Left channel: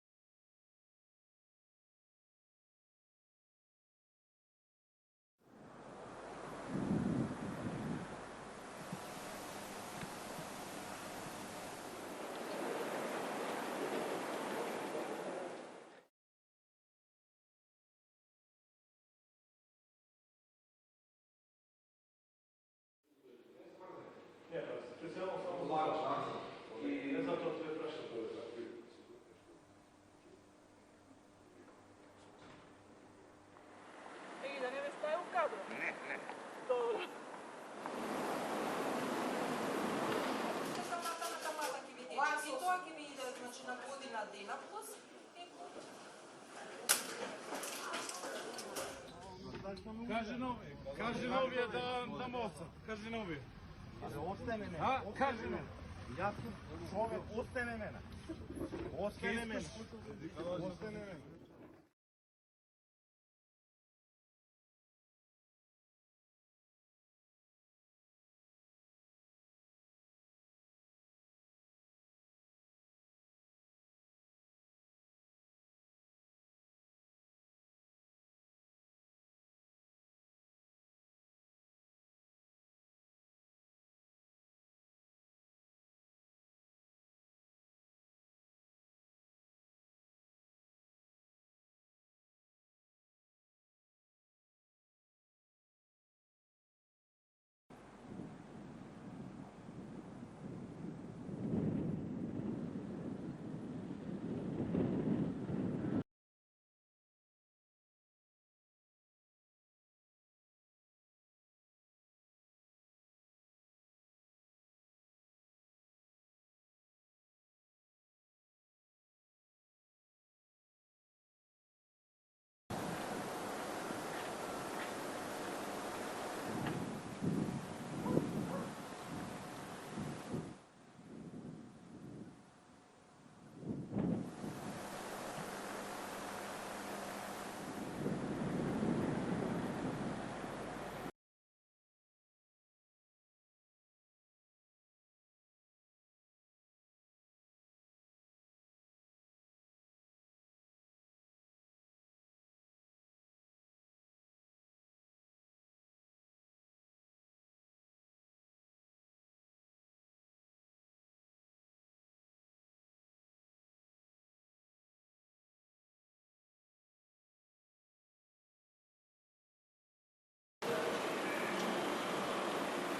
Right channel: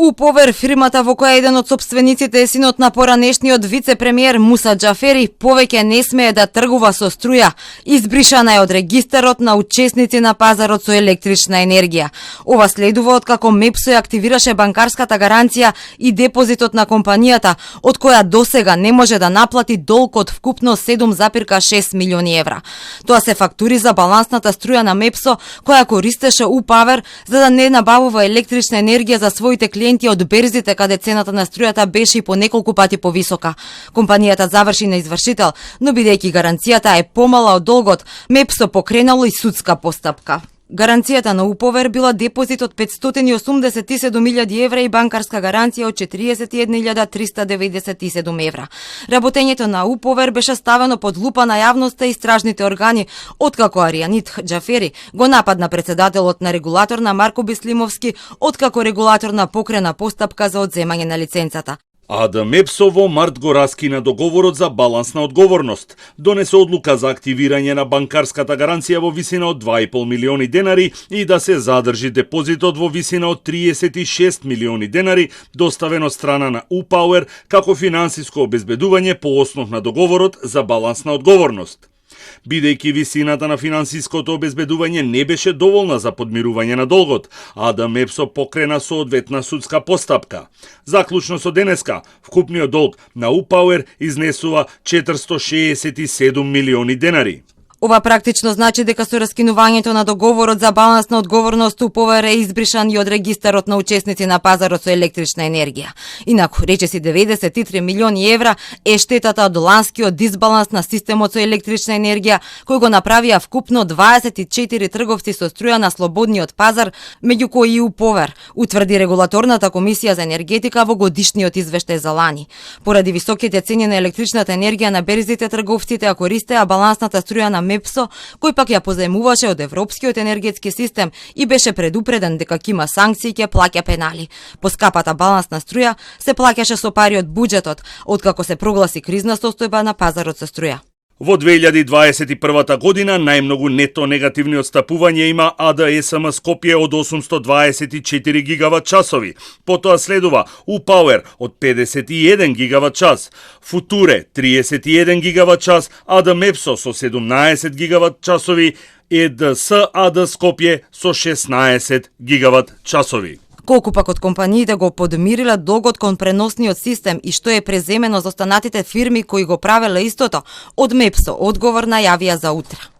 УПОВЕР, фирмата во која еден од сопствениците е синот на поранешниот вице-премиер Муса Џафери, повеќе не смее да тргува со струја. Избришана е од регистарот на учесници на пазарот со електрична енергија. Ова следува од како МЕПСО ја активираше банкарската гаранција и депозитот на компанијата, од која досега не може да наплати долг од вкупно 7,6 милиони евра. Тоа се фактури за балансната струја на МЕПСО, која користеше УПОВЕР за да не набавува електрична енергија за своите клиенти од берзите каде цената на струјата беше и по неколку пати повисока. Компанијата заврши на извршител, но бидејќи гаранцијата е помала од долгот, МЕПСО покренало и судска постапка. Гаранцијата на УПОВЕР била депозит од 587.000 евра и банкарска гаранција од 41.397 евра. Работењето на УПОВЕР беше ставено под лупа на јавноста и стражните органи, откако Аријанид Џафери го нападна председателот на регулаторна Марко Бислимовски, откако регулаторна покрена постапка за одземање на лиценцата. АД МЕПСО во март го раскина договорот за балансна одговорност. Донесе одлука за активирање на банкарската гаранција во висина од 2,5 милиони денари и да се задржи депозитот во висина од 36 милиони денари, доставено од страна на УПОВЕР како финансиско обезбедување по основ на договорот за балансна одговорност. Бидејќи висината на финансиското обезбедување не беше доволна за подмирување на долгот, АД МЕПСО покрена соодветна судска постапка. Заклучно со денеска, вкупниот долг на УПОВЕР изнесува 467 милиони денари. Ова практично значи дека со раскинувањето на договорот за балансна одговорност УПОВЕР е избришан и од регистарот на учесници на пазарот со електрична енергија. Инаку, речиси 93 милиони евра е штетата од ланскиот дисбаланс на системот со електрична енергија, кој го направија вкупно 24 трговци со струја на слободниот пазар, меѓу кои и УПОВЕР, утврди регулаторната комисија за енергетика во годишниот извештај за лани. Поради високите цени на електричната енергија на берзите, трговците ја користеа балансната струја на МЕПСО, кој пак ја позаемуваше од Европскиот енергетски систем и беше предупреден дека ќе има санкции и ќе плаќа пенали. Поскапата балансна струја се плаќаше со пари од буџетот, откако се прогласи кризна состојба на пазарот со струја. Во 2021 година најмногу нето негативни отстапувања има АДСМ Скопје од 824 гигават часови. Потоа следува УПОВЕР од 51 гигават час, Футуре 31 гигават час, АД МЕПСО со 17 гигават часови, ЕДС АД Скопје со 16 гигават часови. Колку пак од компаниите го подмириле долгот кон преносниот систем и што е преземено за останатите фирми кои го правеле истото, од МЕПСО одговор најавија за утре.